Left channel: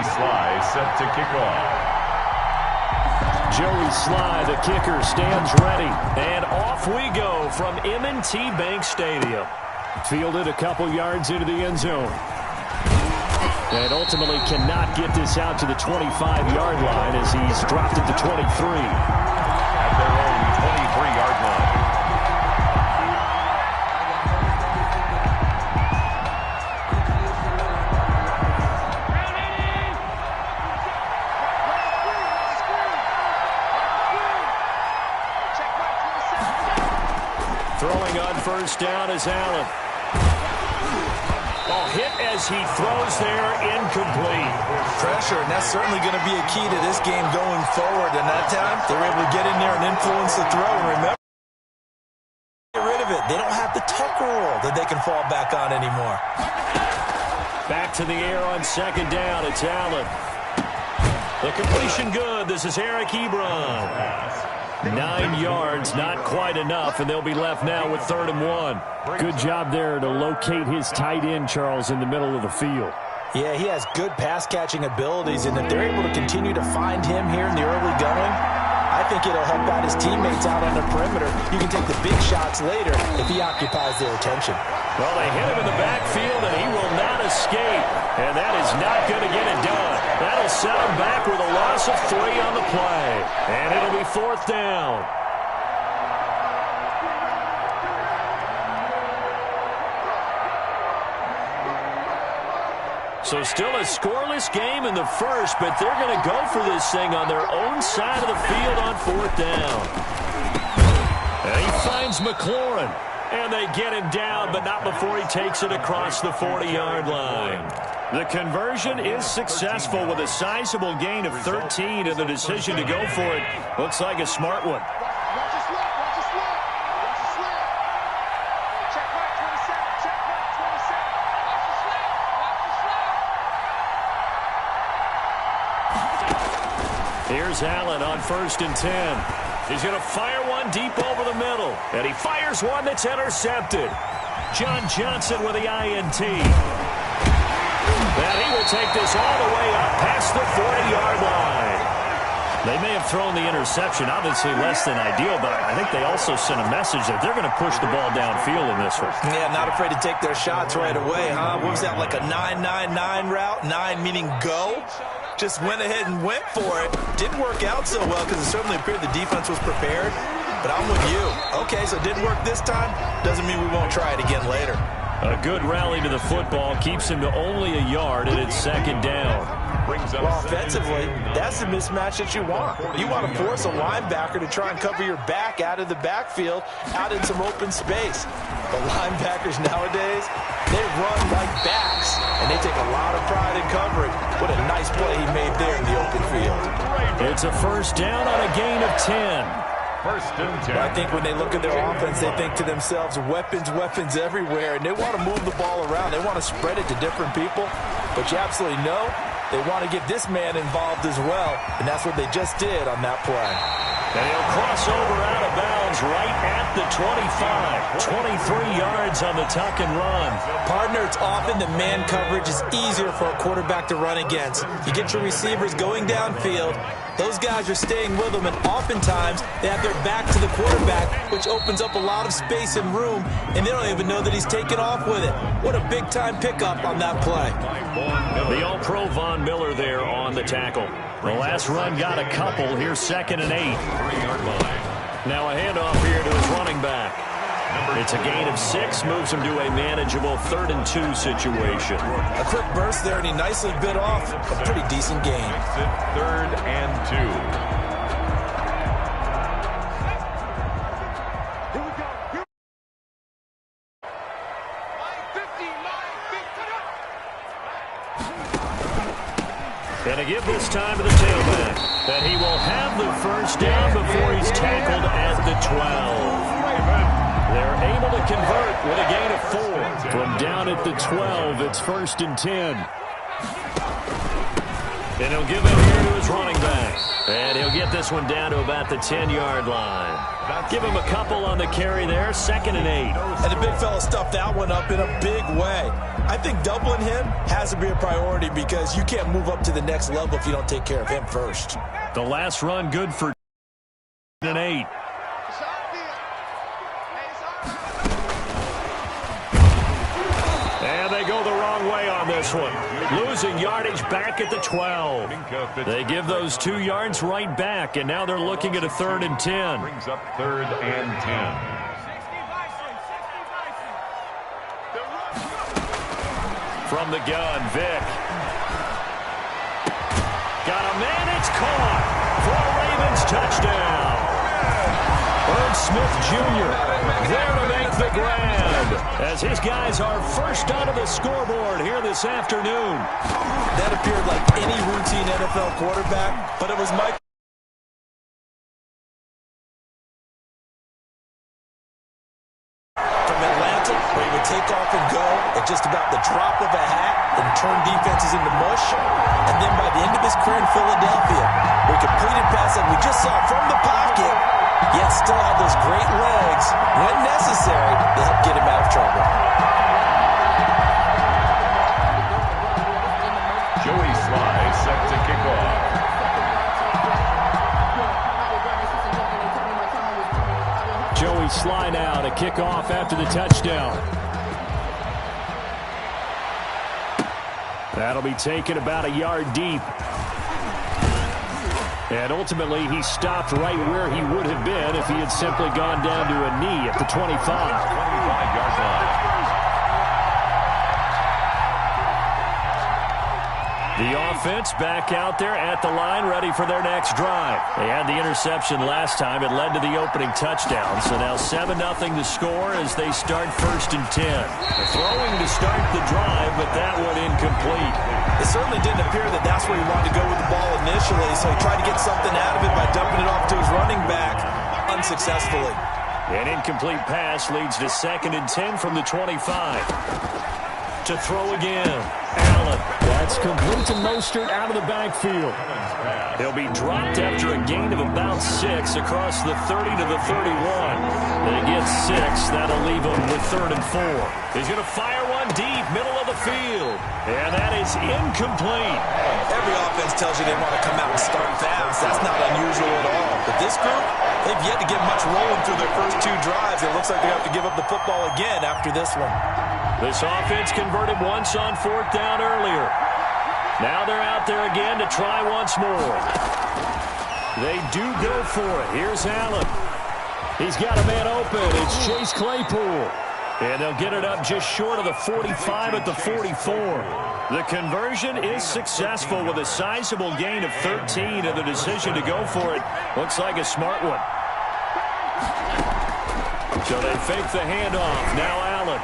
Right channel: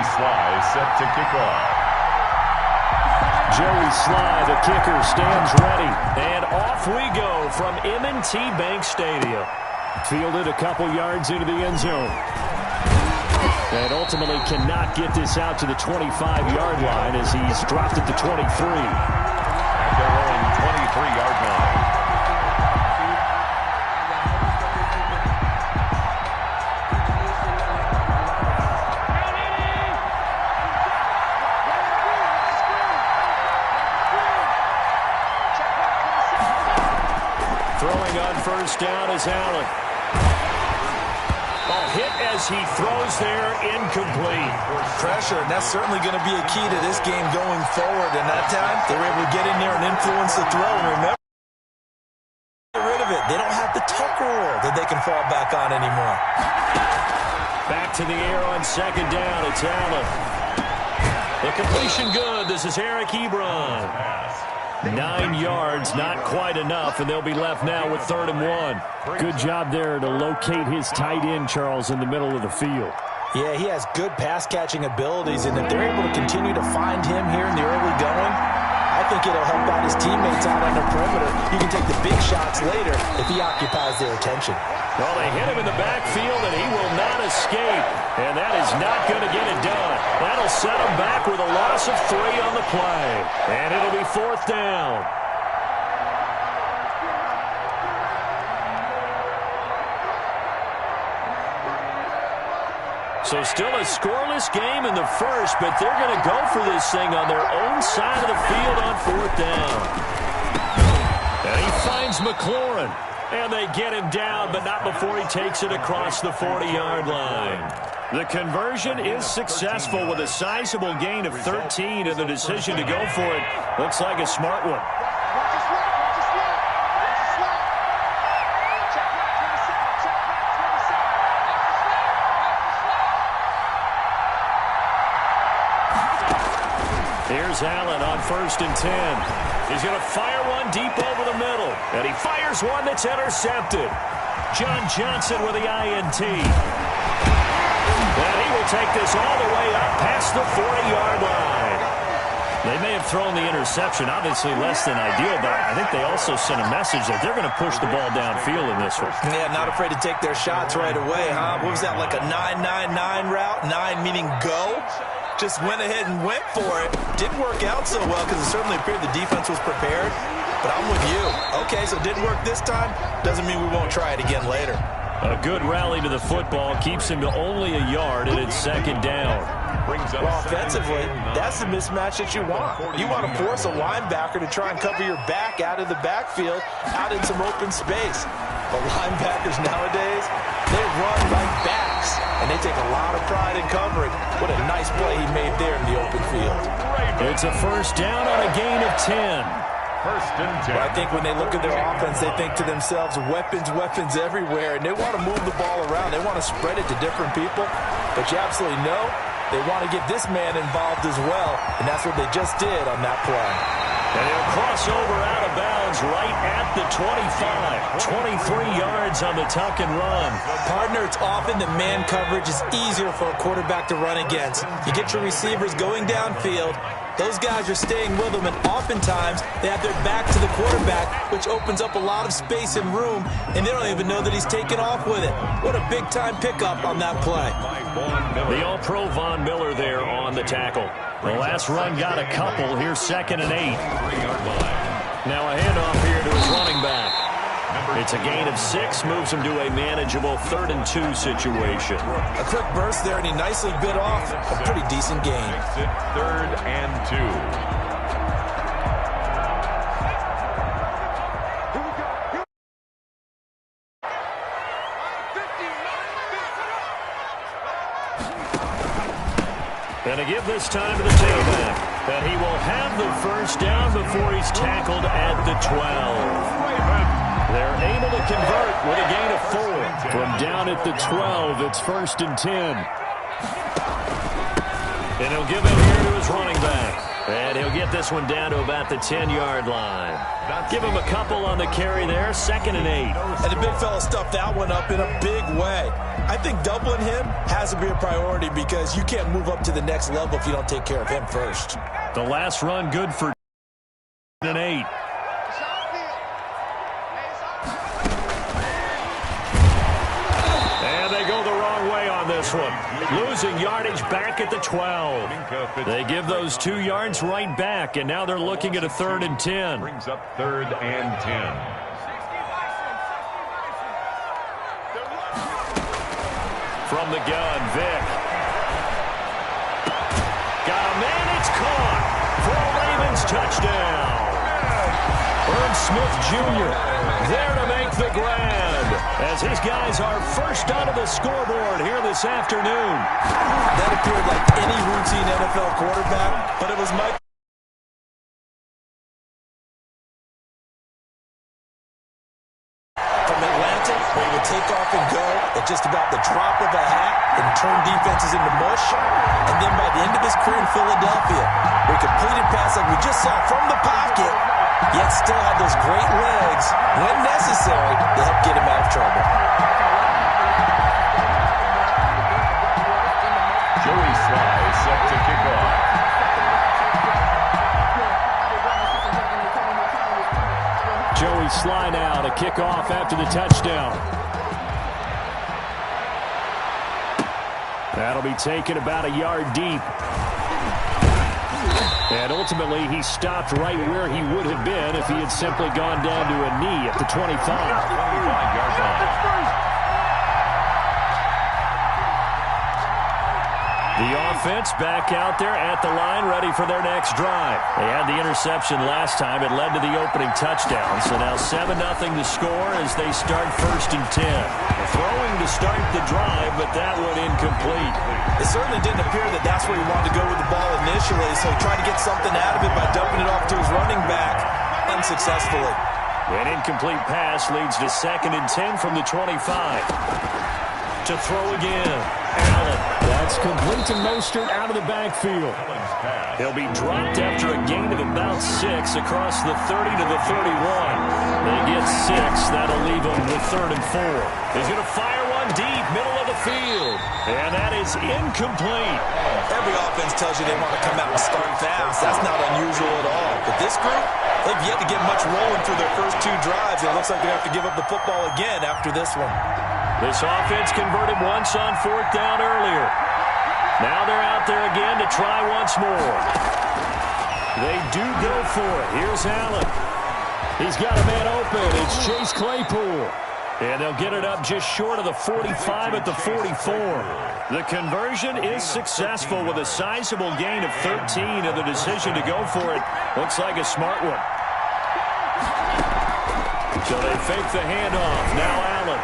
Joey Slye set to kick off. Joey Slye, the kicker, stands ready. And off we go from M&T Bank Stadium. Fielded a couple yards into the end zone. And ultimately cannot get this out to the 25-yard line as he's dropped it to 23. At their own 23-yard line. Throwing on first down is Allen. Ball hit as he throws there, incomplete. Pressure, and that's certainly going to be a key to this game going forward. And that time, they were able to get in there and influence the throw. And remember, get rid of it. They don't have the Tucker rule that they can fall back on anymore. Back to the air on second down. It's Allen. The completion good. This is Eric Ebron. 9 yards, not quite enough, and they'll be left now with 3rd and 1. Good job there to locate his tight end, Charles, in the middle of the field. Yeah, he has good pass-catching abilities, and if they're able to continue to find him here in the early going, I think it'll help out his teammates out on the perimeter. You can take the big shots later if he occupies their attention. Well, they hit him in the backfield, and he will not escape. And that is not going to get it done. That'll set him back with a loss of 3 on the play. And it'll be 4th down. So still a scoreless game in the first, but they're going to go for this thing on their own side of the field on 4th down. And he finds McLaurin. And they get him down, but not before he takes it across the 40-yard line. The conversion is successful with a sizable gain of 13, and the decision to go for it looks like a smart one. Here's Allen on 1st and 10. He's going to fire one deep over the middle. And he fires one that's intercepted. John Johnson with the INT. And he will take this all the way up past the 40-yard line. They may have thrown the interception, obviously less than ideal, but I think they also sent a message that they're going to push the ball downfield in this one. Yeah, not afraid to take their shots right away, huh? What was that, like a 9-9-9 route? 9 meaning go? Just went ahead and went for it. Didn't work out so well because it certainly appeared the defense was prepared. But I'm with you. Okay, so it didn't work this time. Doesn't mean we won't try it again later. A good rally to the football keeps him to only a yard, and it's 2nd down. Well, offensively, that's the mismatch that you want. You want to force a linebacker to try and cover your back out of the backfield, out in some open space. But linebackers nowadays, they run like backs, and they take a lot of pride in covering. What a nice play he made there in the open field. It's a 1st down on a gain of 10. 1st and 10. But I think when they look at their offense, they think to themselves, weapons, weapons everywhere, and they want to move the ball around. They want to spread it to different people. But you absolutely know they want to get this man involved as well, and that's what they just did on that play. And he'll cross over out of bounds right at the 25. 23 yards on the tuck and run. Partner, it's often that man coverage is easier for a quarterback to run against. You get your receivers going downfield. Those guys are staying with them, and oftentimes they have their back to the quarterback, which opens up a lot of space and room, and they don't even know that he's taken off with it. What a big-time pickup on that play. The All-Pro Von Miller there on the tackle. The last run got a couple. Here's 2nd and 8. 3-yard line. Now a handoff here to his running back. It's a gain of 6, moves him to a manageable 3rd and 2 situation. A quick burst there, and he nicely bit off a pretty decent gain. 3rd and 2. And to give this time to the tailback. And he will have the 1st down before he's tackled at the 12. They're able to convert with a gain of 4. From down at the 12, it's 1st and 10. And he'll give it here to his running back. And he'll get this one down to about the 10-yard line. Give him a couple on the carry there, 2nd and 8. And the big fella stuffed that one up in a big way. I think doubling him has to be a priority because you can't move up to the next level if you don't take care of him first. The last run good for an 8. And they go the wrong way on this one. Losing yardage back at the 12. They give those 2 yards right back, and now they're looking at a 3rd and 10. Brings up 3rd and 10. From the gun, Vick. Got a man, it's caught for a Ravens touchdown. Herb Smith Jr. there to make the grab as his guys are first onto the scoreboard here this afternoon. That appeared like any routine NFL quarterback, but it was Mike from Atlanta where he would take off and go at just about the drop of a hat and turn defenses into mush. And then by the end of his career in Philadelphia, where he completed passes like we just saw from the pocket, yet still had those great legs when necessary to help get him out of trouble. Joey Sly set to kick off. Joey Sly now to kick off after the touchdown. That'll be taken about a yard deep. And ultimately, he stopped right where he would have been if he had simply gone down to a knee at the 25. 25-yard line. The offense back out there at the line, ready for their next drive. They had the interception last time. It led to the opening touchdown. So now 7-0 to score as they start 1st and 10. Throwing to start the drive, but that one incomplete. It certainly didn't appear that that's where he wanted to go with the ball initially, so he tried to get something out of it by dumping it off to his running back unsuccessfully. An incomplete pass leads to 2nd and 10 from the 25. To throw again. Allen. That's complete to Mostert out of the backfield. He'll be dropped after a gain of about 6 across the 30 to the 31. They get 6. That'll leave him with 3rd and 4. He's going to fire one deep, middle of the field. And that is incomplete. Every offense tells you they want to come out and start fast. That's not unusual at all. But this group, they've yet to get much rolling through their first 2 drives. It looks like they have to give up the football again after this one. This offense converted once on 4th down earlier. Now they're out there again to try once more. They do go for it. Here's Allen. He's got a man open. It's Chase Claypool. And they'll get it up just short of the 45 at the 44. The conversion is successful with a sizable gain of 13, and the decision to go for it looks like a smart one. So they fake the handoff. Now Allen.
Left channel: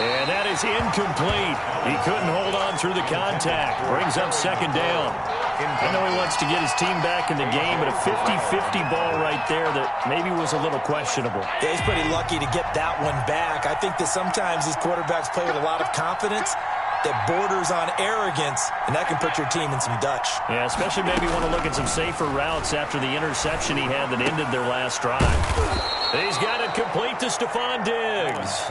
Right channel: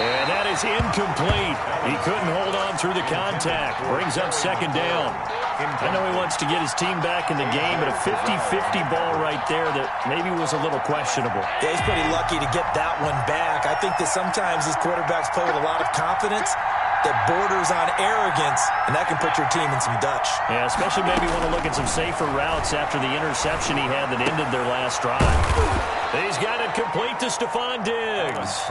And that is incomplete. He couldn't hold on through the contact. Brings up 2nd down. I know he wants to get his team back in the game, but a 50-50 ball right there that maybe was a little questionable. Yeah, he's pretty lucky to get that one back. I think that sometimes these quarterbacks play with a lot of confidence that borders on arrogance, and that can put your team in some Dutch. Yeah, especially maybe want to look at some safer routes after the interception he had that ended their last drive. He's got it complete to Stephon Diggs.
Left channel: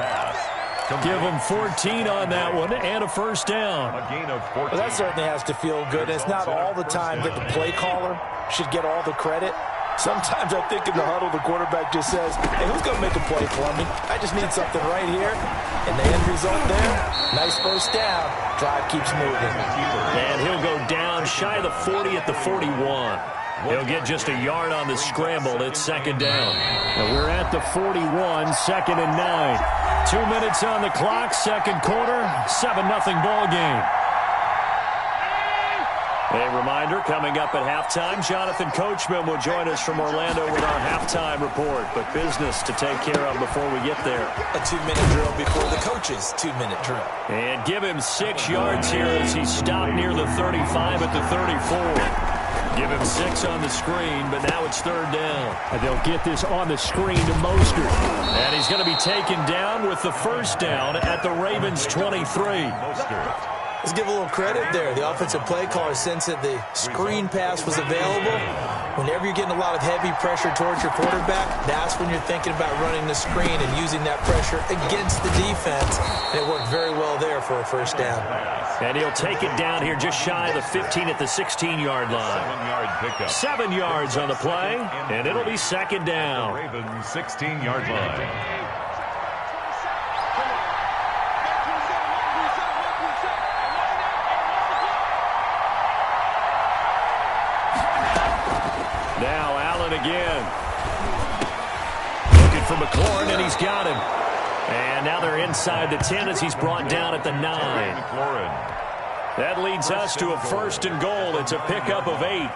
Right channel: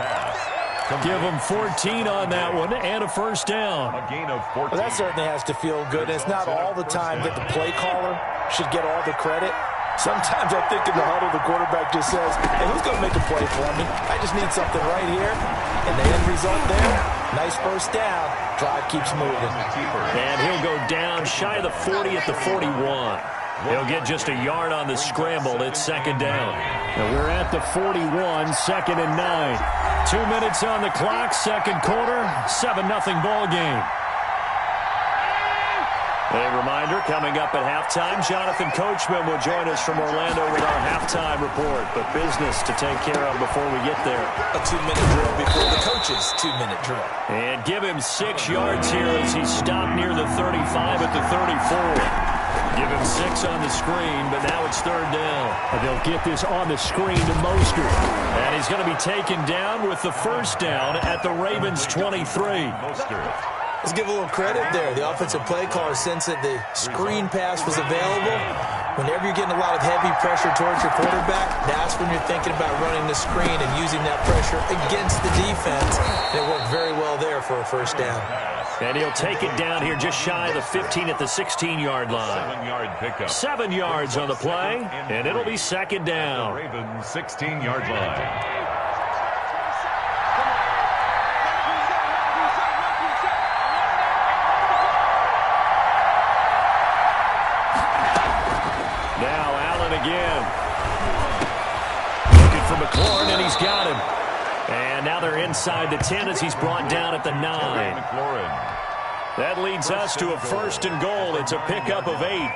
Give him 14 on that one and a 1st down. A gain of 14. Well, that certainly has to feel good. It's not all the time that the play caller should get all the credit. Sometimes I think in the huddle, the quarterback just says, hey, who's going to make a play for me? I just need something right here. And the end result there, nice 1st down. Drive keeps moving. And he'll go down shy of the 40 at the 41. He'll get just a yard on the scramble. It's 2nd down. And we're at the 41, 2nd and 9. 2 minutes on the clock, 2nd quarter, 7-0 ball game. A reminder, coming up at halftime, Jonathan Coachman will join us from Orlando with our halftime report. But business to take care of before we get there. A 2-minute drill before the coach's 2-minute drill. And give him 6 yards here as he stopped near the 35 at the 34. Give him 6 on the screen, but now it's 3rd down. And they'll get this on the screen to Mostert. And he's going to be taken down with the 1st down at the Ravens 23. Mostert. Let's give a little credit there. The offensive play caller sensed that the screen pass was available. Whenever you're getting a lot of heavy pressure towards your quarterback, that's when you're thinking about running the screen and using that pressure against the defense. And it worked very well there for a first down. And he'll take it down here just shy of the 15 at the 16-yard line. 7-yard pickup. 7 yards on the play, and it'll be second down. The Ravens 16-yard line. Now Allen again. Looking for McLaurin, and he's got him. And now they're inside the 10 as he's brought down at the 9. McLaurin. That leads us to a first and goal. It's a pickup of 8.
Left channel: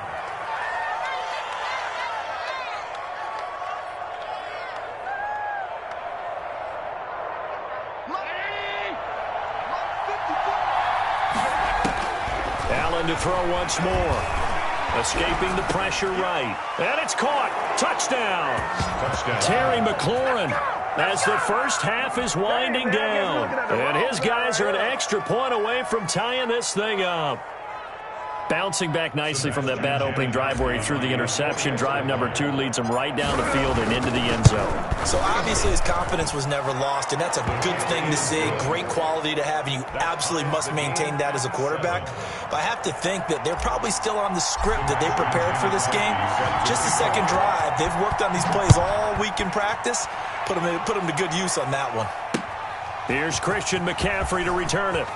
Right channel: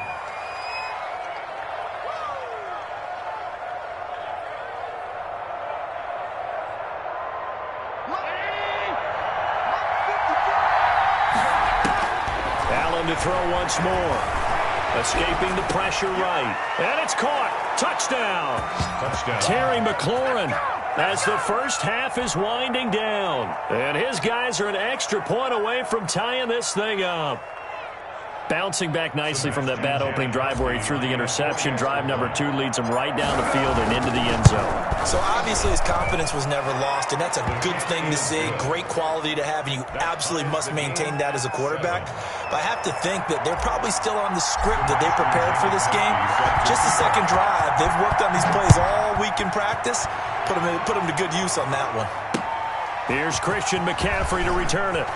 Allen to throw once more. Escaping the pressure right. And it's caught. Touchdown. Touchdown. Terry McLaurin as the first half is winding down. And his guys are an extra point away from tying this thing up. Bouncing back nicely from that bad opening drive where he threw the interception. Drive number 2 leads him right down the field and into the end zone. So obviously his confidence was never lost, and that's a good thing to see. Great quality to have, and you absolutely must maintain that as a quarterback. But I have to think that they're probably still on the script that they prepared for this game. Just the second drive. They've worked on these plays all week in practice. Put them to good use on that one. Here's Christian McCaffrey to return it.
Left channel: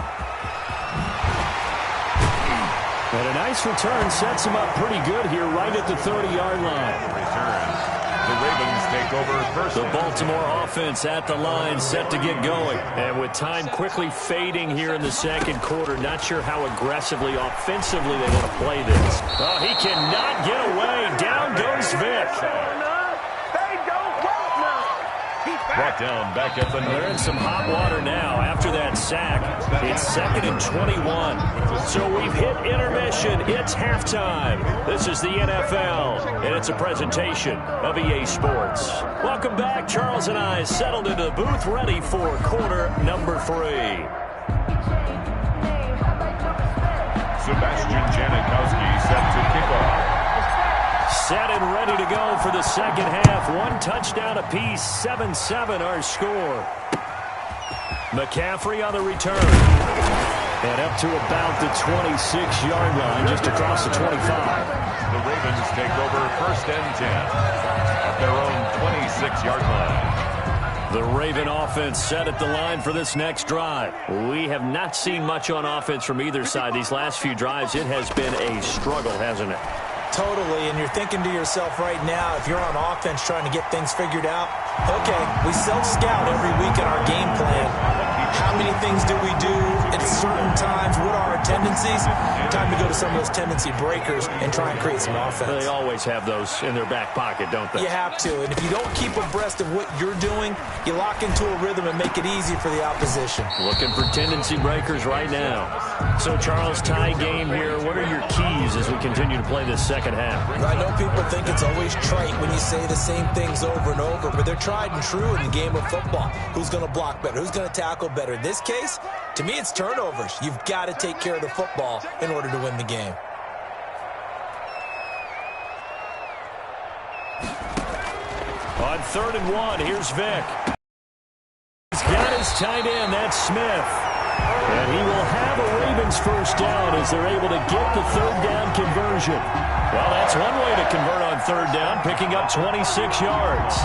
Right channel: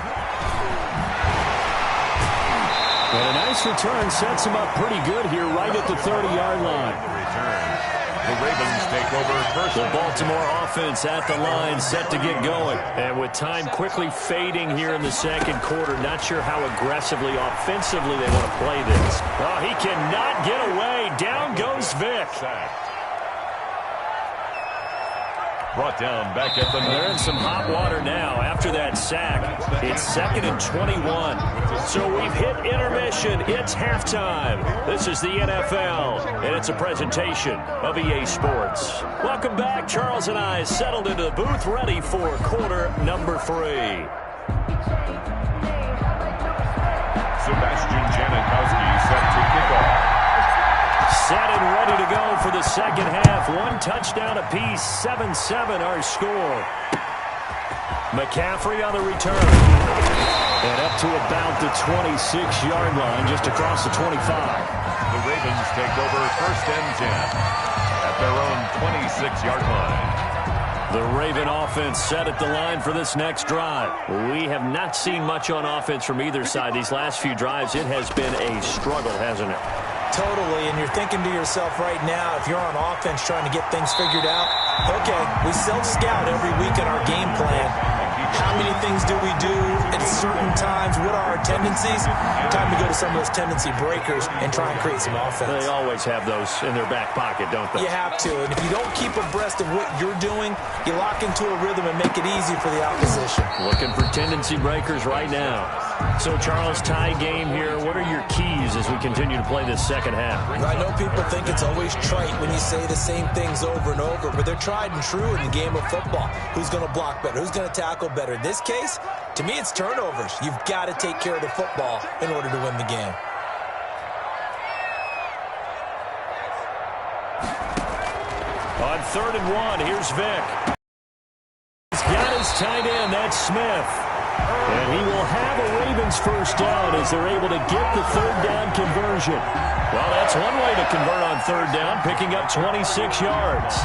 And a nice return sets him up pretty good here right at the 30-yard line. The return. The Ravens take over first. The Baltimore offense at the line, set to get going. And with time quickly fading here in the second quarter, not sure how aggressively, offensively they want to play this. Oh, he cannot get away. Down goes Vick. Brought down back at the 9. They're in some hot water now after that sack. It's 2nd and 21. So we've hit intermission. It's halftime. This is the NFL, and it's a presentation of EA Sports. Welcome back. Charles and I settled into the booth, ready for quarter number 3. Sebastian Janikowski set to kick off. Set and ready to go for the second half. 1 touchdown apiece, 7-7 our score. McCaffrey on the return. And up to about the 26-yard line, just across the 25. The Ravens take over first and 10 at their own 26-yard line. The Raven offense set at the line for this next drive. We have not seen much on offense from either side. These last few drives, it has been a struggle, hasn't it? Totally, and you're thinking to yourself right now, if you're on offense trying to get things figured out, okay, we self-scout every week in our game plan. How many things do we do at certain times? What are our tendencies? Time to go to some of those tendency breakers and try and create some offense. They always have those in their back pocket, don't they? You have to, and if you don't keep abreast of what you're doing, you lock into a rhythm and make it easy for the opposition. Looking for tendency breakers right now. So, Charles, tie game here. What are your keys as we continue to play this second half? I know people think it's always trite when you say the same things over and over, but they're tried and true in the game of football. Who's going to block better? Who's going to tackle better? In this case, to me, it's turnovers. You've got to take care of the football in order to win the game. On 3rd and 1, here's Vick. He's got his tight end, that's Smith. And he will have a Ravens first down as they're able to get the 3rd down conversion. Well, that's one way to convert on 3rd down, picking up 26 yards.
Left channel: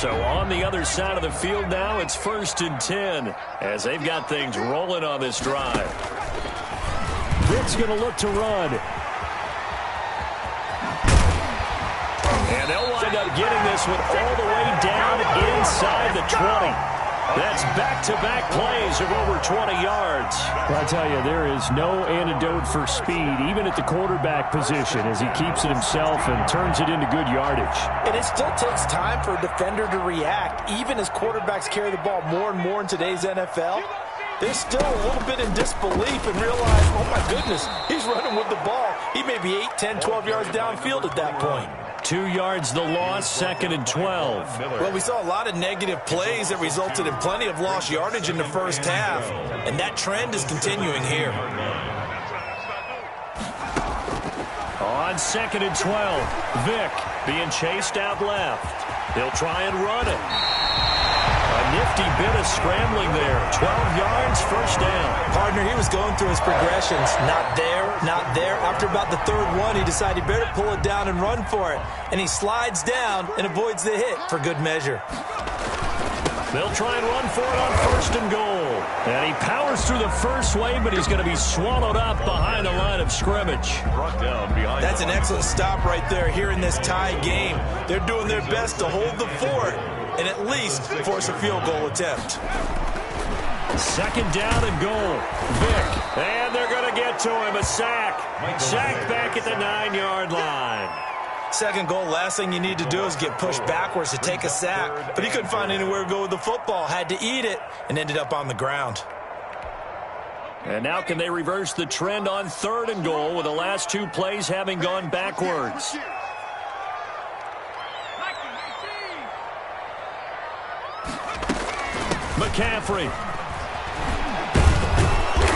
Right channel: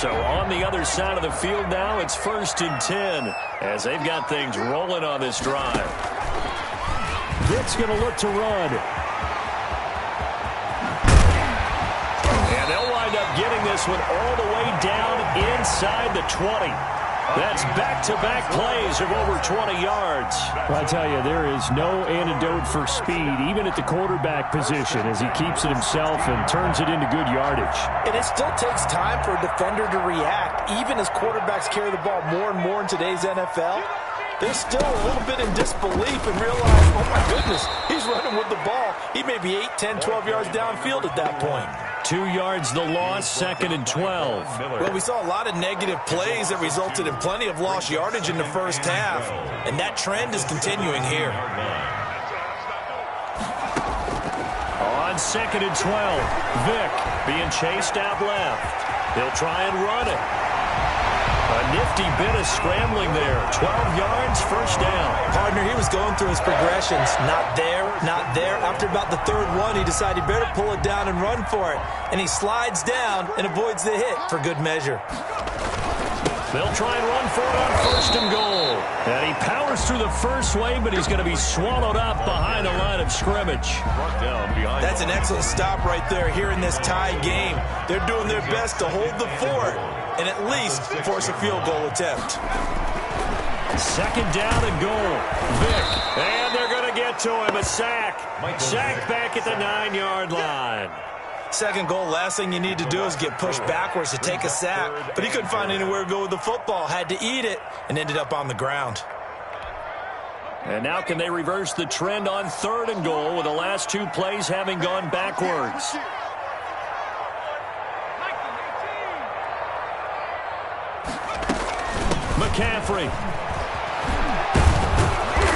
So on the other side of the field now, it's 1st and 10 as they've got things rolling on this drive. Vick's going to look to run. And they'll wind up getting this one all the way down inside the 20. That's back-to-back plays of over 20 yards. Well, I tell you, there is no antidote for speed, even at the quarterback position, as he keeps it himself and turns it into good yardage. And it still takes time for a defender to react, even as quarterbacks carry the ball more and more in today's NFL. they're still a little bit in disbelief and realize, oh my goodness, he's running with the ball. He may be 8, 10, 12 yards downfield at that point. 2 yards the loss, 2nd and 12. Well, we saw a lot of negative plays that resulted in plenty of lost yardage in the first half, and that trend is continuing here. On 2nd and 12, Vick being chased out left. He'll try and run it. A nifty bit of scrambling there. 12 yards, first down. Partner, he was going through his progressions. Not there, not there. After about the third one, he decided he better pull it down and run for it. And he slides down and avoids the hit for good measure. They'll try and run for it on 1st and goal. And he powers through the first wave, but he's going to be swallowed up behind the line of scrimmage. That's an excellent stop right there here in this tie game. They're doing their best to hold the fort and at least force a field goal attempt. 2nd down and goal. Vick. And they're going to get to him. A sack. Sack back at the 9-yard line. 2nd goal, last thing you need to do is get pushed backwards to take a sack. But he couldn't find anywhere to go with the football. Had to eat it and ended up on the ground. And now can they reverse the trend on 3rd and goal with the last 2 plays having gone backwards? McCaffrey.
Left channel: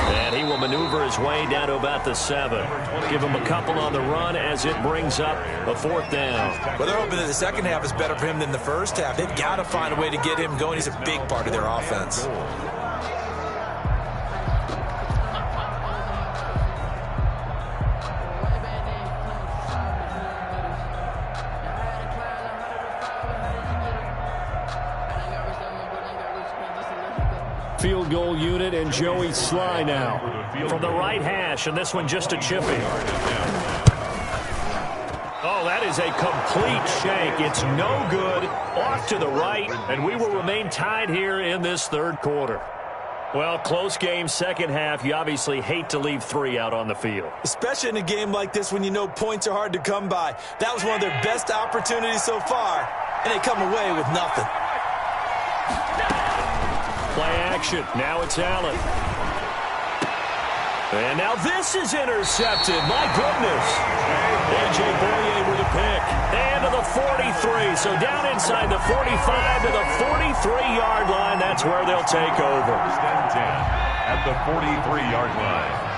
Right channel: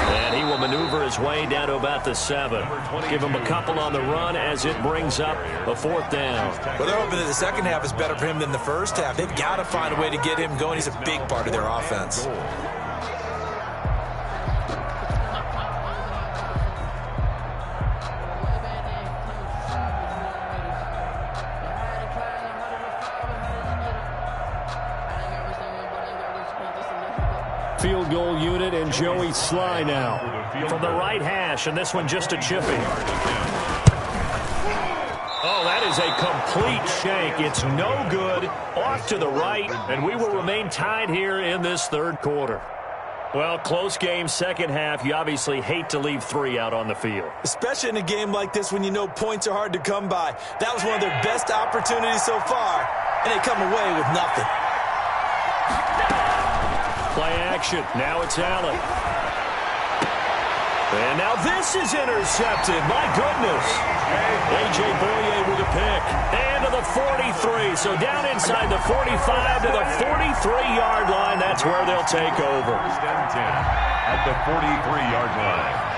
And he will maneuver his way down to about the 7. Give him a couple on the run as it brings up a 4th down. Well, they're hoping that the second half is better for him than the first half. They've got to find a way to get him going. He's a big part of their offense. Field goal unit and Joey Sly now from the right hash, and this one just a chippy. Oh, that is a complete shank. It's no good. Off to the right, and we will remain tied here in this 3rd quarter. Well, close game, second half. You obviously hate to leave 3 out on the field. Especially in a game like this when you know points are hard to come by. That was one of their best opportunities so far, and they come away with nothing. Play action. Now it's Allen. And now this is intercepted. My goodness. A.J. Boye with a pick. And to the 43. So down inside the 45 to the 43-yard line. That's where they'll take over. 1st and 10 at the 43-yard line.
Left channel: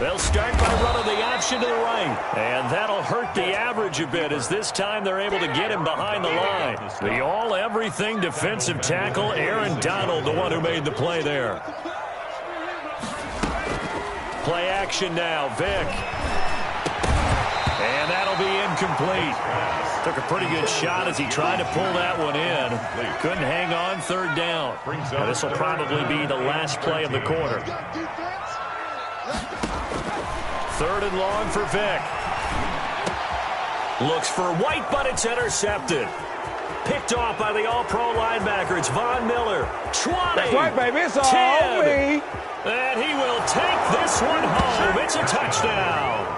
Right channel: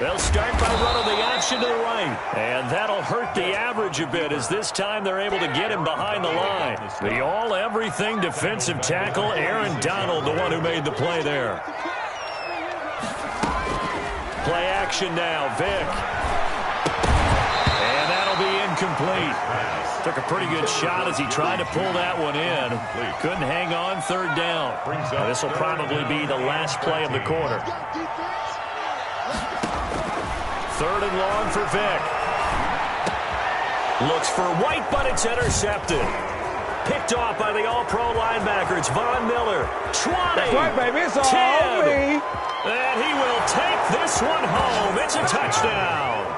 They'll start by running the option to the right. And that'll hurt the average a bit as this time they're able to get him behind the line. The all-everything defensive tackle, Aaron Donald, the one who made the play there. Play action now, Vick. And that'll be incomplete. Took a pretty good shot as he tried to pull that one in. Couldn't hang on, 3rd down. Now, this will probably be the last play of the quarter. 3rd and long for Vick. Looks for White, but it's intercepted. Picked off by the all-pro linebacker. It's Von Miller. 20. That's right, baby. It's all 10. me. And he will take this one home. It's a touchdown.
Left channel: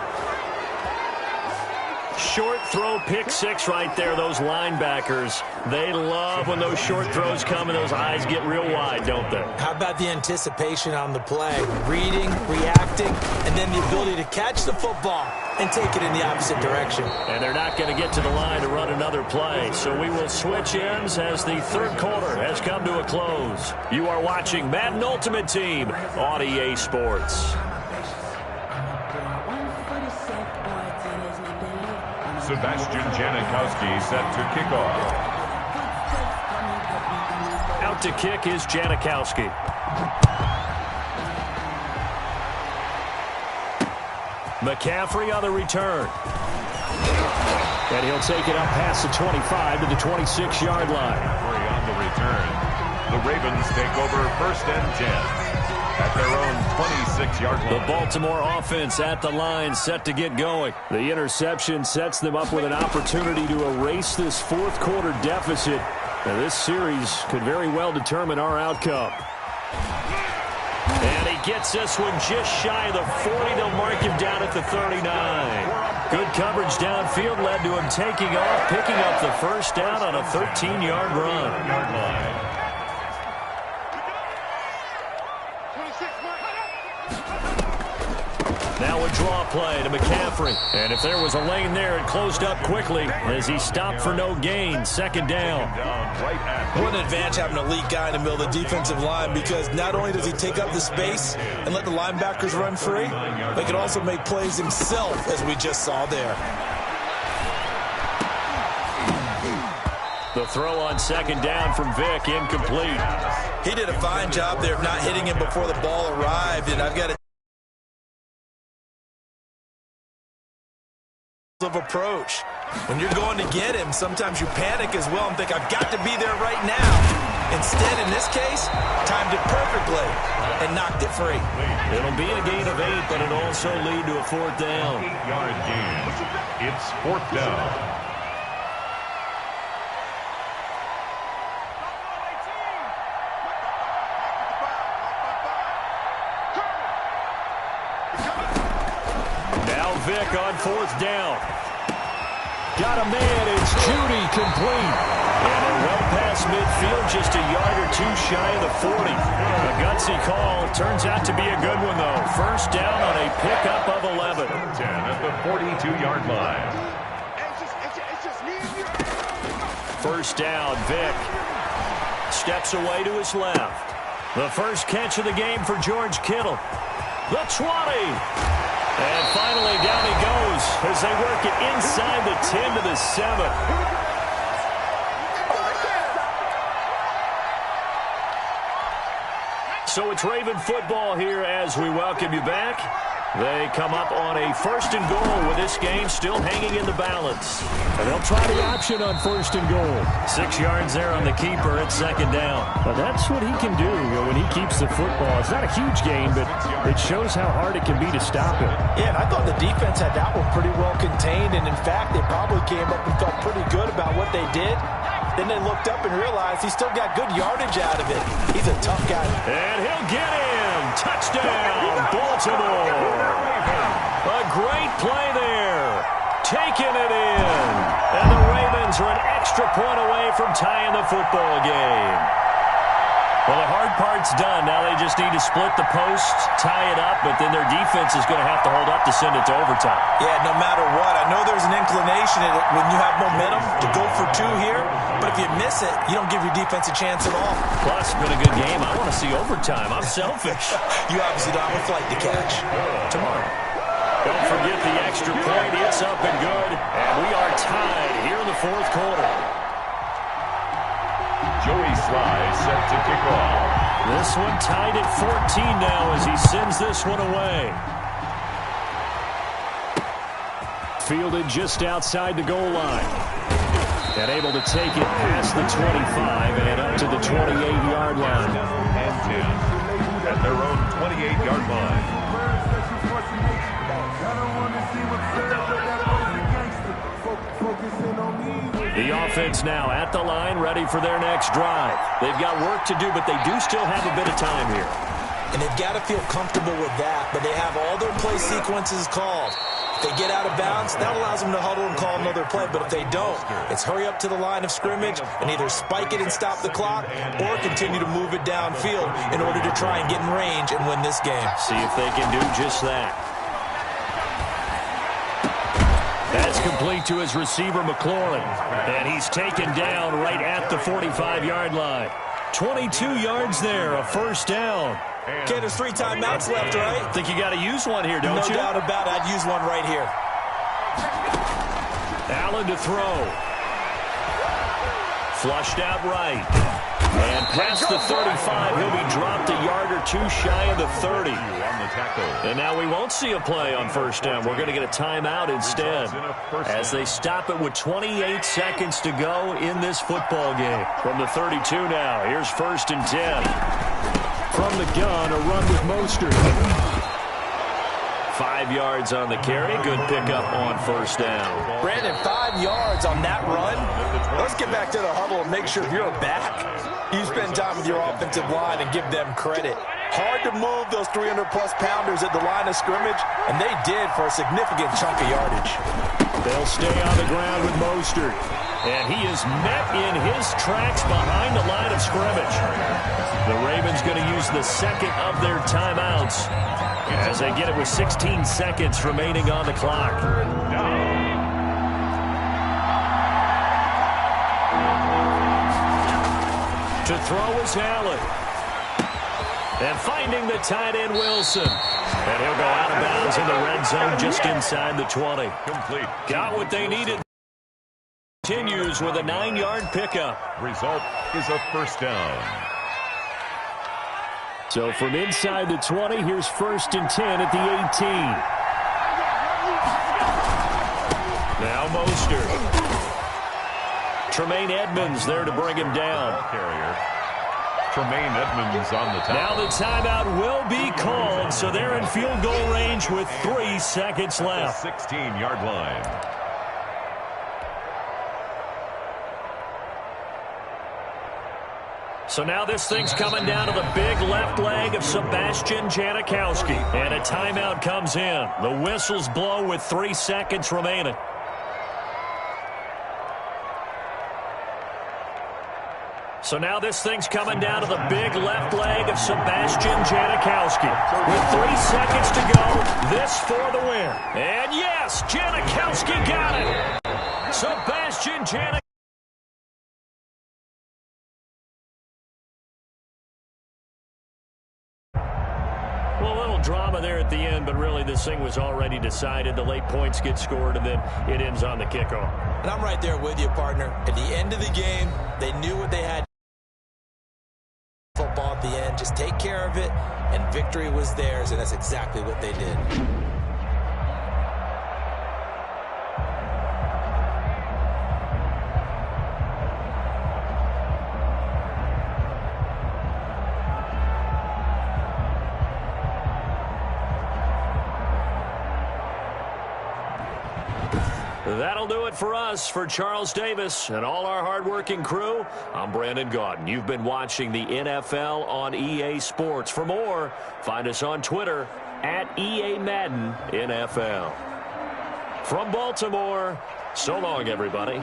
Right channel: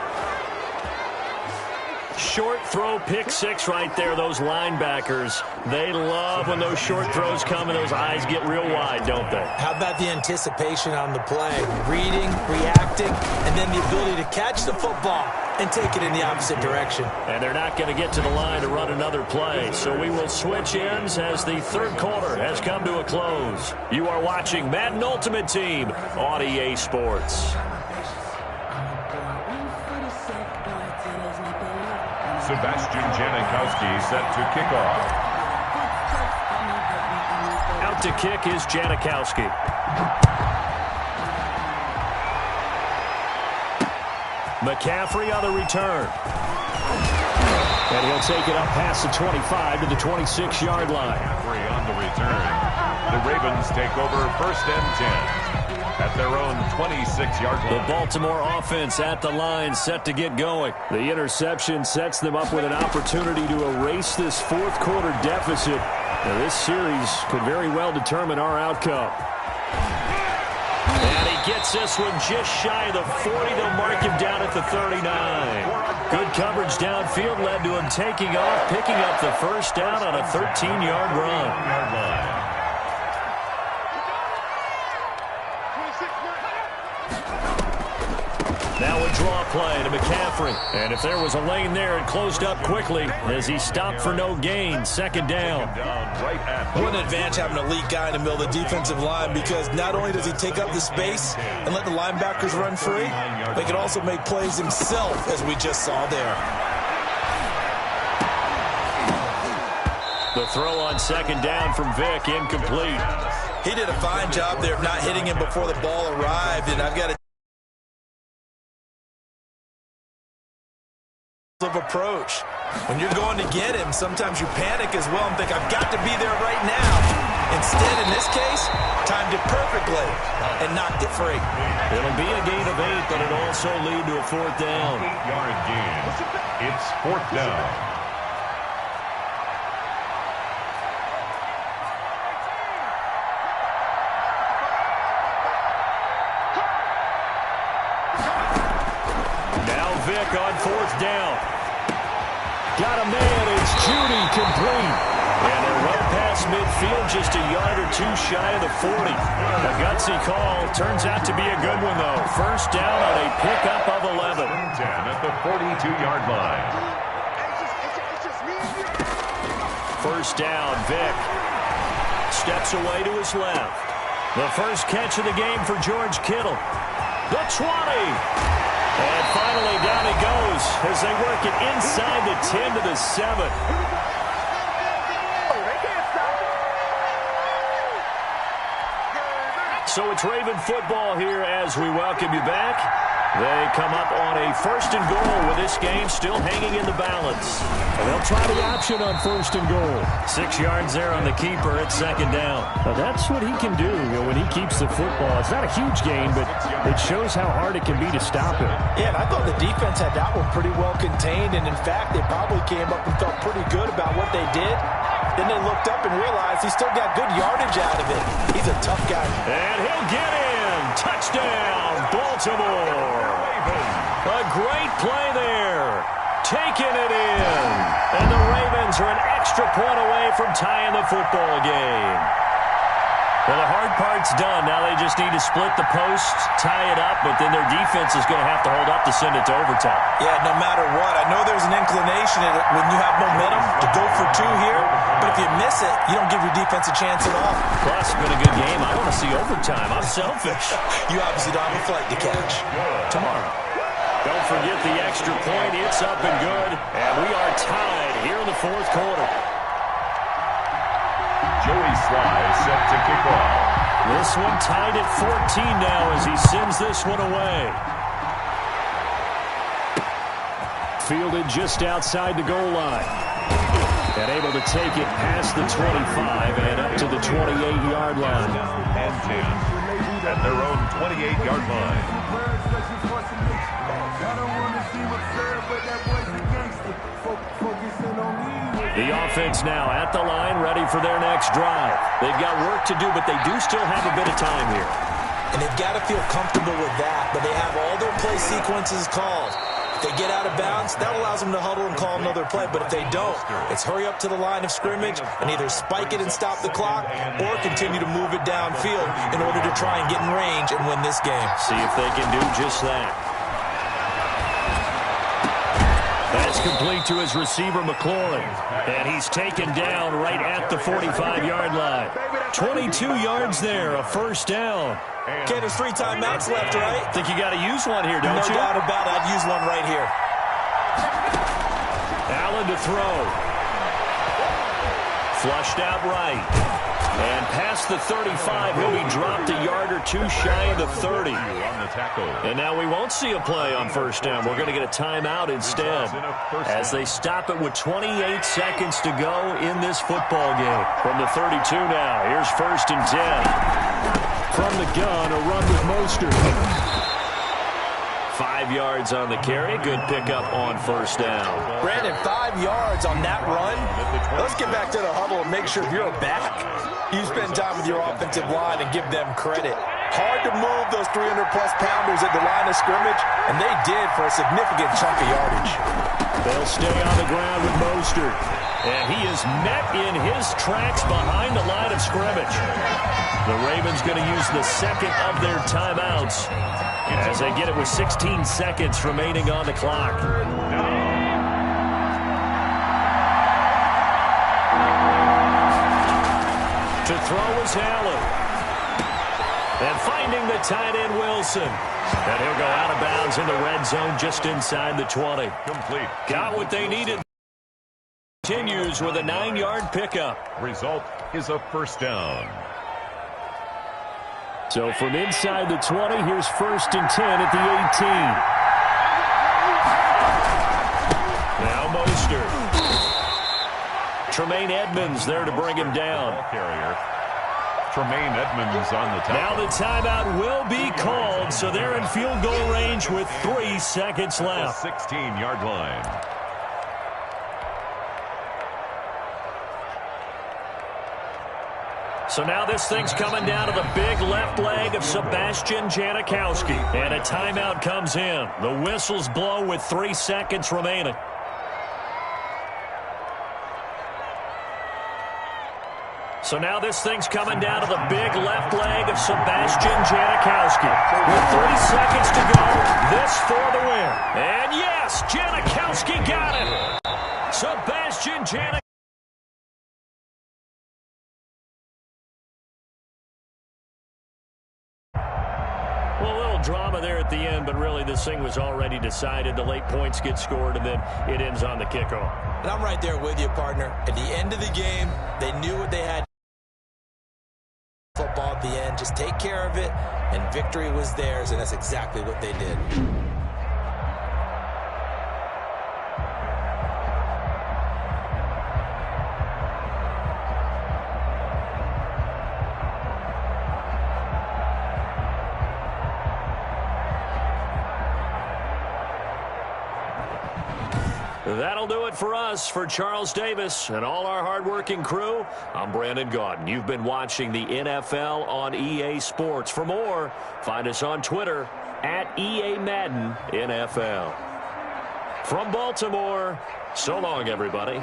Short throw, pick 6 right there. Those linebackers, they love when those short throws come and those eyes get real wide, don't they? How about the anticipation on the play? Reading, reacting, and then the ability to catch the football and take it in the opposite direction. And they're not going to get to the line to run another play. So we will switch ends as the 3rd quarter has come to a close. You are watching Madden Ultimate Team on EA Sports. Sebastian Janikowski set to kick off. Out to kick is Janikowski. McCaffrey on the return. And he'll take it up past the 25 to the 26-yard line. McCaffrey on the return. The Ravens take over 1st and 10. At their own 26-yard line. The Baltimore offense at the line, set to get going. The interception sets them up with an opportunity to erase this 4th quarter deficit. Now, this series could very well determine our outcome. And he gets this one just shy of the 40. They'll mark him down at the 39. Good coverage downfield led to him taking off, picking up the first down on a 13-yard run. Now a draw play to McCaffrey. And if there was a lane there, it closed up quickly as he stopped for no gain. Second down. What an advantage having an elite guy in the middle of the defensive line, because not only does he take up the space and let the linebackers run free, but he can also make plays himself, as we just saw there. The throw on second down from Vick, incomplete. He did a fine job there of not hitting him before the ball arrived, and I've got to of approach. When you're going to get him, sometimes you panic as well and think, I've got to be there right now. Instead, in this case, timed it perfectly and knocked it free. It'll be a gain of 8, but it'll also lead to a fourth down. 8-yard gain. It's fourth down. Now Vick on fourth down. Got a man, it's Judy, complete. And they're well past midfield, just a yard or two shy of the 40. A gutsy call, turns out to be a good one, though. First down on a pickup of 11. 10 at the 42-yard line. First down, Vick steps away to his left. The first catch of the game for George Kittle. The 20. And finally, down he goes as they work it inside the 10 to the 7. So it's Raven football here as we welcome you back. They come up on a first and goal with this game still hanging in the balance. And they'll try the option on first and goal. 6 yards there on the keeper at second down. Now that's what he can do, when he keeps the football. It's not a huge gain, but it shows how hard it can be to stop it. Yeah, and I thought the defense had that one pretty well contained, and in fact, they probably came up and felt pretty good about what they did. Then they looked up and realized he still got good yardage out of it. He's a tough guy. And he'll get in. Touchdown, Baltimore. A great play there. Taking it in. And the Ravens are an extra point away from tying the football game. Well, the hard part's done. Now they just need to split the post, tie it up, but then their defense is going to have to hold up to send it to overtime. Yeah, no matter what. I know there's an inclination when you have momentum to go for two here, but if you miss it, you don't give your defense a chance at all. Plus, it's been a good game. I want to see overtime. I'm selfish. You obviously don't have a flight to catch. Tomorrow. Don't forget the extra point. It's up and good. And we are tied here in the fourth quarter. Joey Sly set to kick off. This one tied at 14 now as he sends this one away. Fielded just outside the goal line. And able to take it past the 25 and up to the 28-yard line. And 10 at their own 28-yard line. The offense now at the line, ready for their next drive. They've got work to do, but they do still have a bit of time here. And they've got to feel comfortable with that, but they have all their play sequences called. If they get out of bounds, that allows them to huddle and call another play. But if they don't, it's hurry up to the line of scrimmage and either spike it and stop the clock or continue to move it downfield in order to try and get in range and win this game. See if they can do just that. That's complete to his receiver, McLaurin. And he's taken down right at the 45-yard line. 22 yards there, a first down. Okay, there's 3 timeouts left, right? Think you got to use one here, don't you? No doubt about it. I'd use one right here. Allen to throw. Flushed out right. And past the 35, he'll be dropped a yard or two shy of the 30. And now we won't see a play on first down. We're going to get a timeout instead as they stop it with 28 seconds to go in this football game. From the 32 now, here's first and 10. From the gun, a run with Mostert. 5 yards on the carry. Good pickup on first down. Brandon, 5 yards on that run. Let's get back to the huddle and make sure if you're back, you spend time with your offensive line and give them credit. Hard to move those 300-plus pounders at the line of scrimmage, and they did for a significant chunk of yardage. They'll stay on the ground with Mostert. And he is met in his tracks behind the line of scrimmage. The Ravens going to use the second of their timeouts as they get it with 16 seconds remaining on the clock. To throw is Allen. And finding the tight end, Wilson. And he'll go out of bounds in the red zone just inside the 20. Complete. Got what they needed. Continues with a 9-yard pickup. Result is a first down. So from inside the 20, here's 1st and 10 at the 18. Now Mostert. Tremaine Edmonds there to bring him down. Carrier. Tremaine Edmonds on the top. Now the timeout will be called, so they're in field goal range with 3 seconds left. The 16-yard line. So now this thing's coming down to the big left leg of Sebastian Janikowski. And a timeout comes in. The whistles blow with 3 seconds remaining. So now this thing's coming down to the big left leg of Sebastian Janikowski. With 3 seconds to go, this for the win. And yes, Janikowski got it. Sebastian Janikowski. Well, a little drama there at the end, but really this thing was already decided. The late points get scored, and then it ends on the kickoff. And I'm right there with you, partner. At the end of the game, they knew what they had. Football at the end, just take care of it, and victory was theirs, and that's exactly what they did. That'll do it for us. For Charles Davis and all our hardworking crew, I'm Brandon Gaudin. You've been watching the NFL on EA Sports. For more, find us on Twitter at EA Madden NFL. From Baltimore, so long, everybody.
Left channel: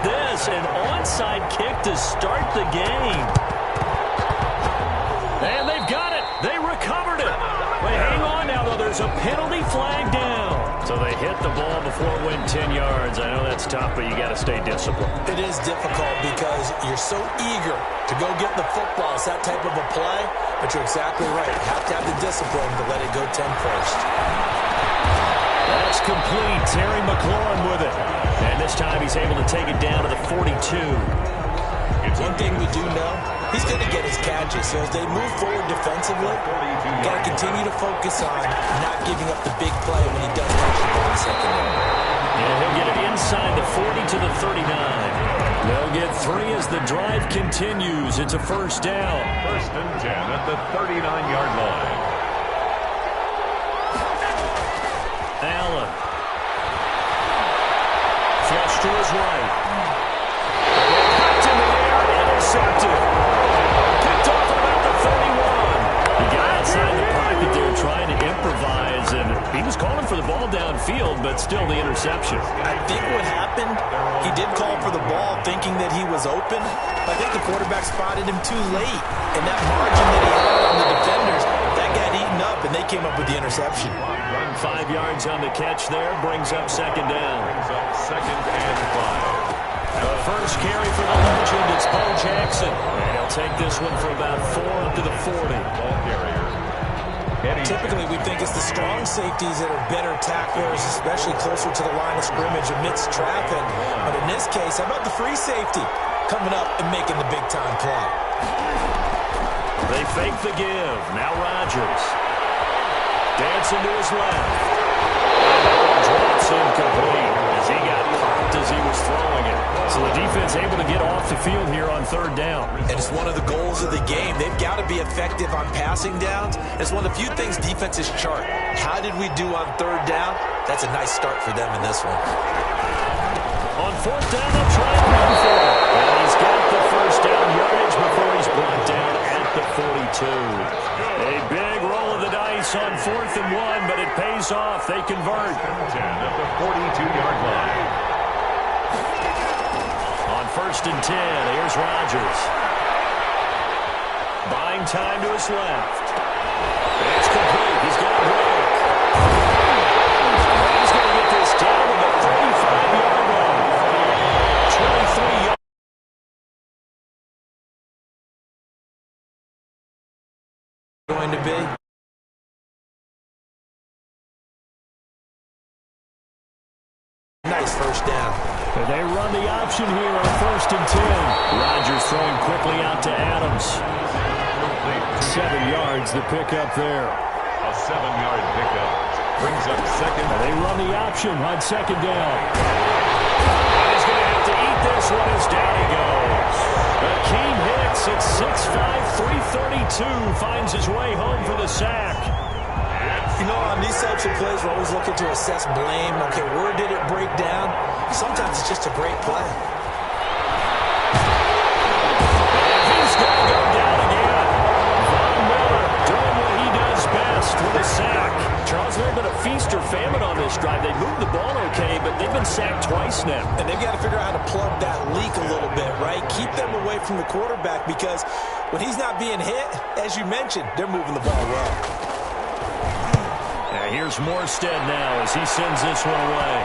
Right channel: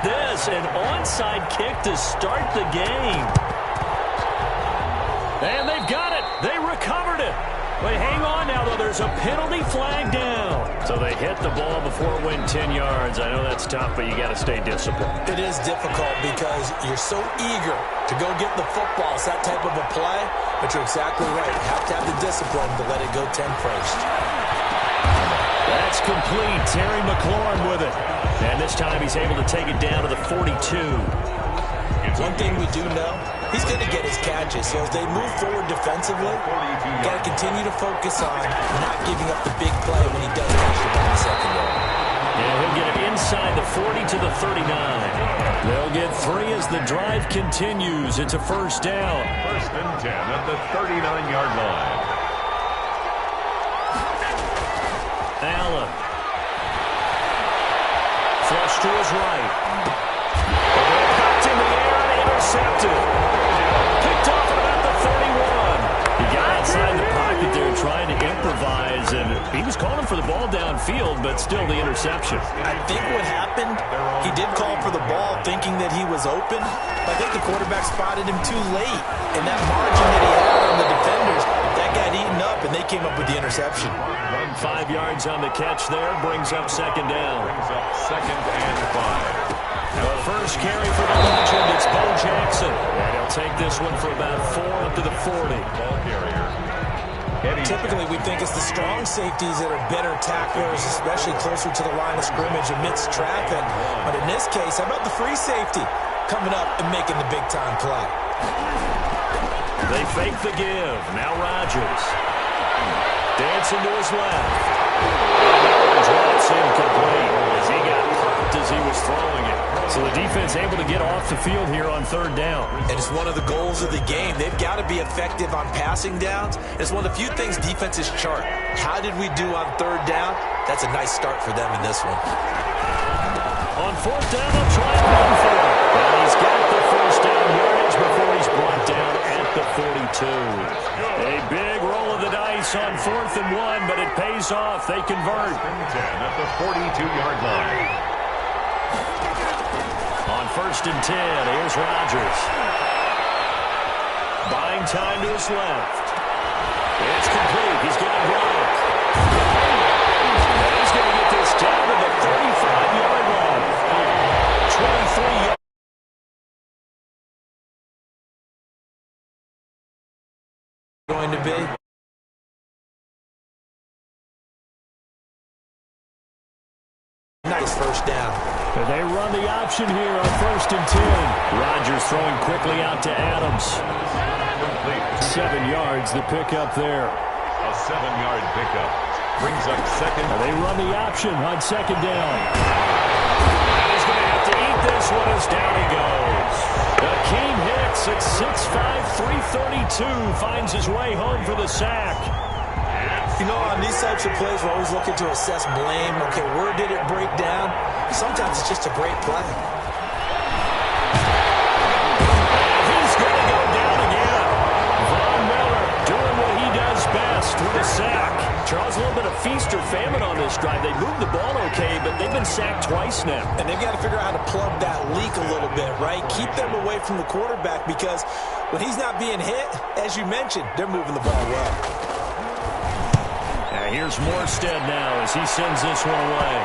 about this? An onside kick to start the game. And they've got it. They recovered it. They hang on now, though. There's a penalty flag down. So they hit the ball before it went 10 yards. I know that's tough, but you got to stay disciplined. It is difficult because you're so eager to go get the football. It's that type of a play, but you're exactly right. You have to have the discipline to let it go 10 first. That's complete. Terry McLaurin with it. And this time he's able to take it down to the 42. One thing we do know, he's going to get his catches. So as they move forward defensively, got to continue to focus on not giving up the big play when he does catch the ball in the secondary. Yeah, he'll get it inside the 40 to the 39. They'll get 3 as the drive continues. It's a first down. First and 10 at the 39-yard line. Allen. Flush to his right. The ball popped in the air and intercepted. Picked off at about the 31. He got outside the pocket there trying to improvise, and he was calling for the ball downfield, but still the interception. I think what happened, he did call for the ball thinking that he was open. I think the quarterback spotted him too late, and that margin that he had on the defenders, that got eaten up, and they came up with the interception. 5 yards on the catch there, brings up second down. Brings up second and 5. The first carry for the legend, it's Bo Jackson. And he'll take this one for about 4 up to the 40. Ball carrier. Typically, we think it's the strong safeties that are better tacklers, especially closer to the line of scrimmage amidst traffic. But in this case, how about the free safety coming up and making the big-time play? They fake the give. Now Rodgers. Dancing to his left. And that one drops incomplete as he got popped as he was throwing it. So the defense able to get off the field here on third down. And it's one of the goals of the game. They've got to be effective on passing downs. It's one of the few things defenses chart. How did we do on third down? That's a nice start for them in this one. On fourth down, they'll try and run for it. And he's got the first down yardage before he's brought down at the 42. A big roll of the dice on 4th and 1, but it pays off. They convert. 10 at the 42-yard line. On 1st and 10, here's Rodgers. Buying time to his left. It's complete. He's got it broke. And he's going to get this down to the 35-yard line. 23 yards. Going to be. Nice first down. And they run the option here on 1st and 10. Rodgers throwing quickly out to Adams. 7 yards the pickup there. A 7-yard pickup. Brings up second. And they run the option on 2nd down. And he's going to have to eat this one as down he goes. Akeem Hicks at 6'5", 332 finds his way home for the sack. You know, on these types of plays, we're always looking to assess blame. Okay, where did it break down? Sometimes it's just a great play. And he's going to go down again. Von Miller doing what he does best with a sack. Charles, a little bit of feast or famine on this drive. They moved the ball okay, but they've been sacked twice now. And they've got to figure out how to plug that leak a little bit, right? Keep them away from the quarterback because when he's not being hit, as you mentioned, they're moving the ball well. Here's Morstead now as he sends this one away.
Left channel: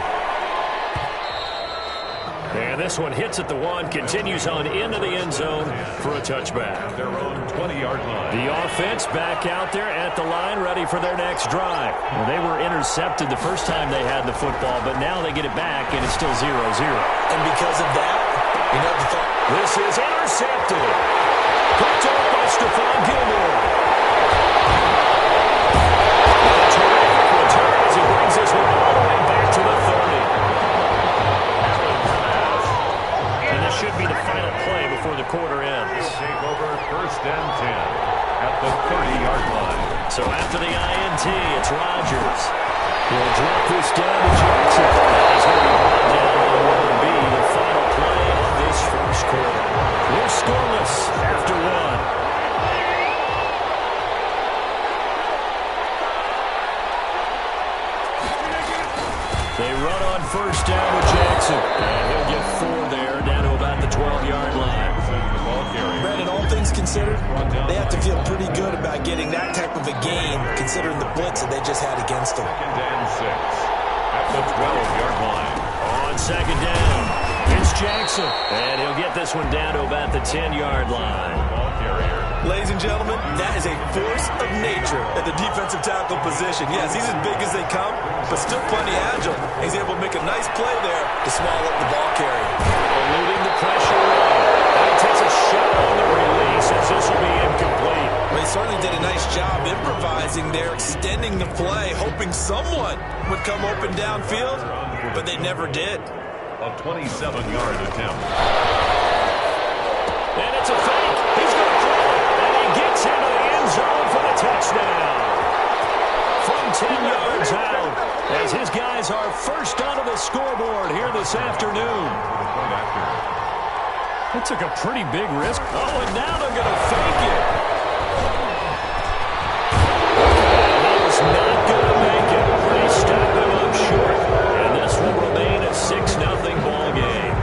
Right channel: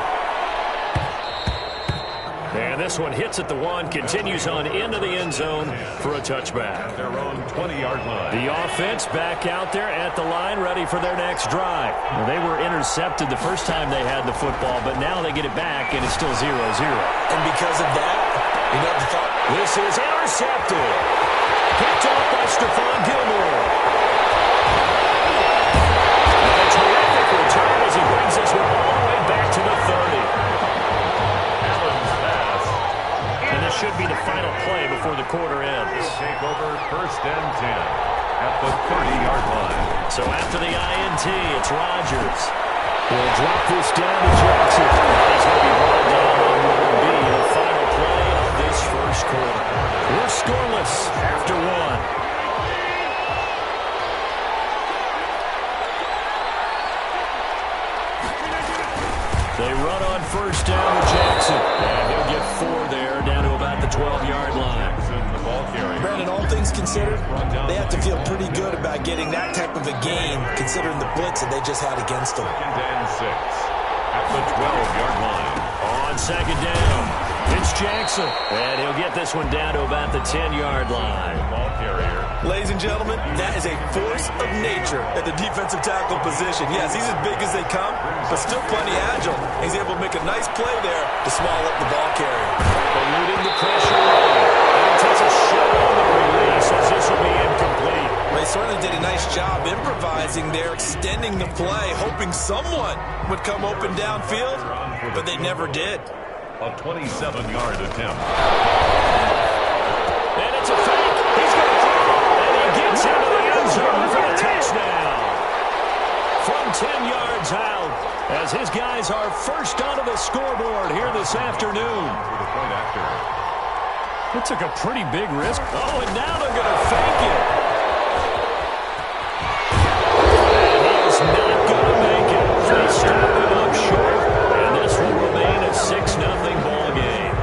And this one hits at the 1, continues on into the end zone for a touchback. Their own 20-yard line. The offense back out there at the line, ready for their next drive. Well, they were intercepted the first time they had the football, but now they get it back, and it's still 0-0. And because of that, you know the thought. This is intercepted. Picked off by Stephon Gilmore. Terrific return as he brings this one all the way back to the 30. Allen's pass. And this should be the final play before the quarter ends. He'll take over 1st and 10 at the 30-yard line. So after the INT, it's Rodgers. He'll drop this down to Jackson. And he's going to be brought down on what will be the final play of this first quarter. We're scoreless after 1. They run on first down with Jackson. And he'll get 4 there, down to about the 12-yard line. The ball carrier. Brandon, all things considered, they have to feel pretty good about getting that type of a gain, considering the blitz that they just had against them. 2nd and 6 at the 12-yard line. On second down, it's Jackson. And he'll get this one down to about the 10-yard line. Ball carrier. Ladies and gentlemen, that is a force of nature at the defensive tackle position. Yes, he's as big as they come, but still plenty agile. He's able to make a nice play there to swallow up the ball carrier. Eluding the pressure run. And he takes a shot on the release as this will be incomplete. Well, he certainly did a nice job improvising there, extending the play, hoping someone would come open downfield, but they never did. A 27-yard attempt. And it's a fake. He's going to throw it. And he gets into the end zone for the touchdown. From 10 yards out, as his guys are first onto the scoreboard here this afternoon. For the point after. It took a pretty big risk. Oh, and now they're going to fake it. And he is not going to make it. They stop him up short, and this will remain a 6-0 ball game.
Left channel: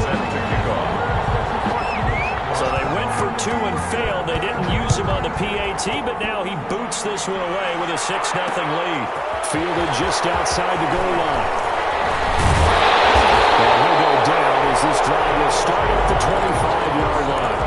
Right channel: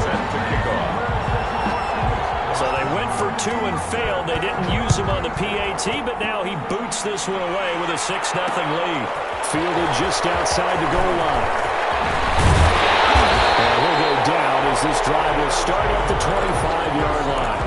Set to kick off. So they went for 2 and failed. They didn't use him on the PAT, but now he boots this one away with a 6-0 lead. Fielded just outside the goal line. And he'll go down as this drive will start at the 25-yard line.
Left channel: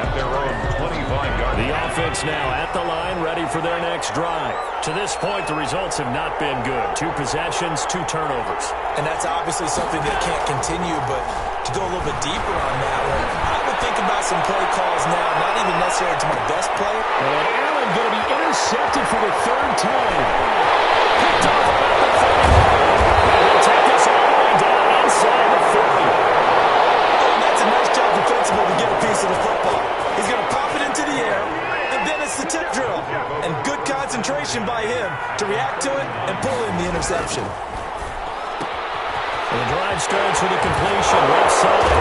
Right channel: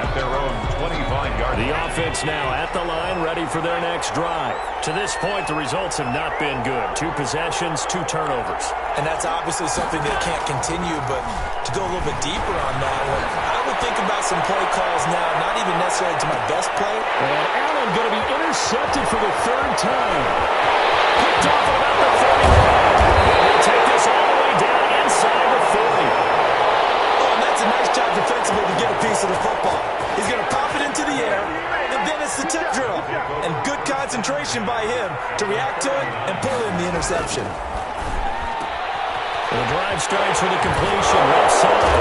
At their own 25-yard line. The offense now at the line, ready for their next drive. To this point, the results have not been good. 2 possessions, 2 turnovers. And that's obviously something that can't continue, but to go a little bit deeper on that one, I would think about some play calls now, not even necessarily to my best player. And Allen going to be intercepted for the 3rd time. Picked off at about the 31. And he'll take this all the way down inside the 40. Oh, and that's a nice job defensively to get a piece of the football. He's going to pop it into the air, and then it's the tip drill. And good concentration by him to react to it and pull in the interception. And the drive starts with a completion left side.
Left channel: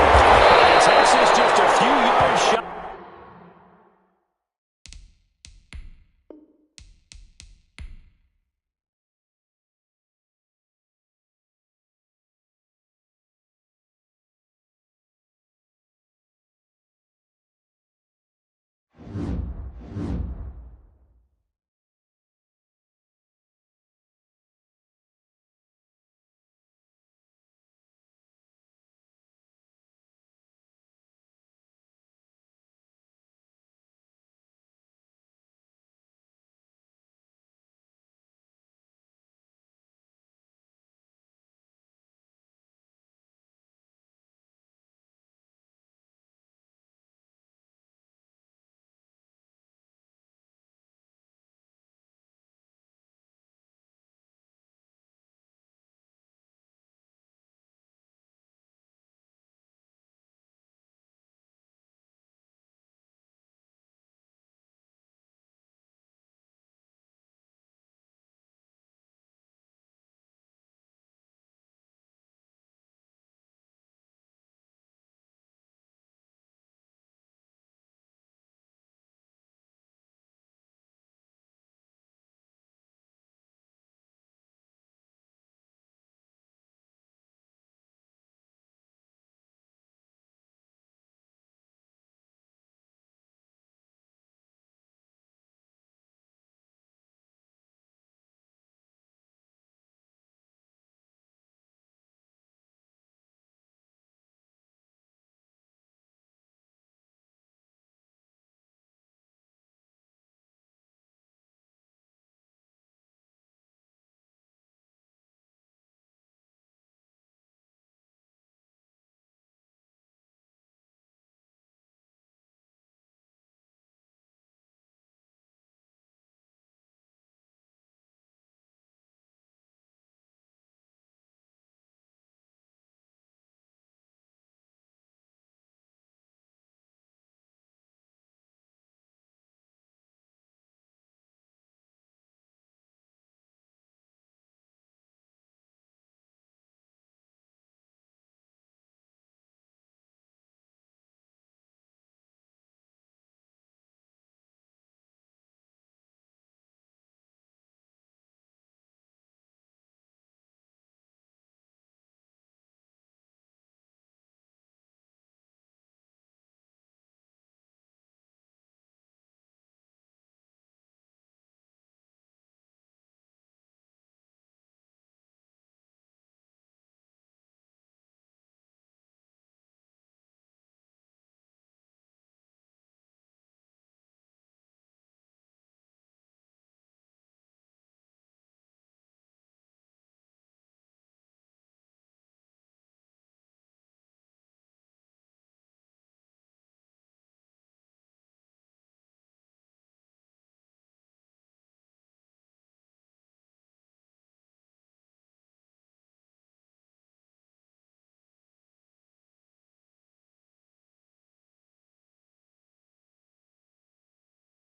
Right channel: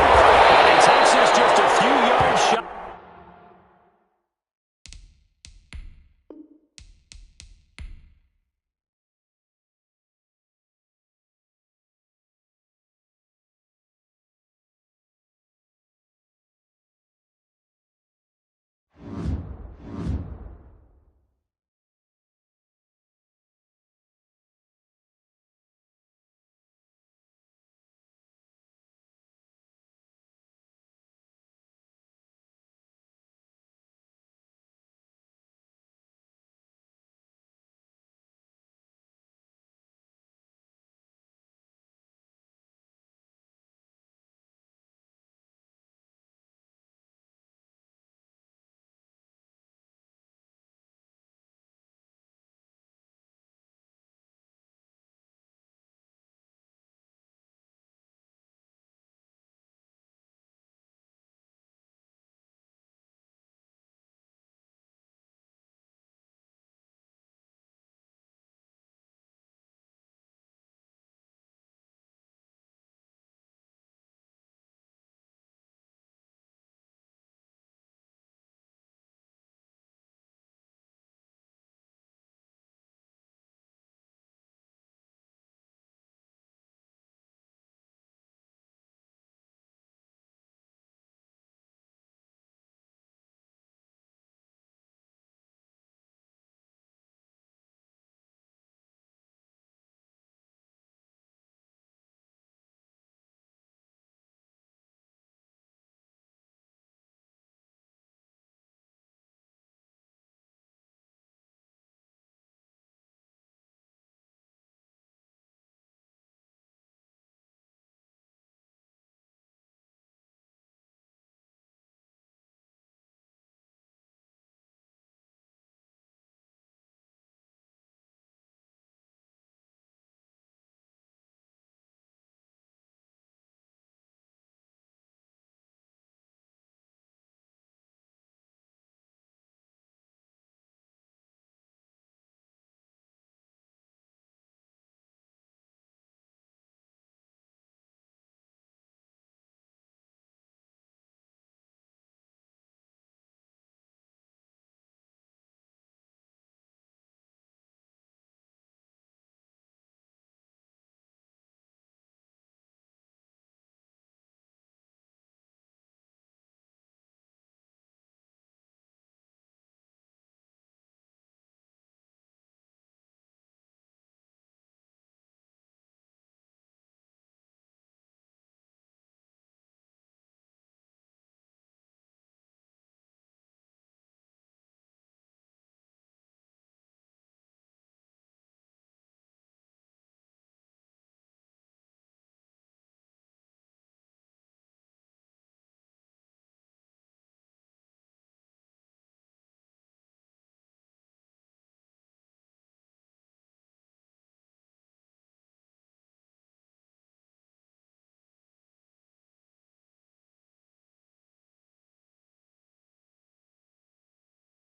And he takes this just a few yards shy.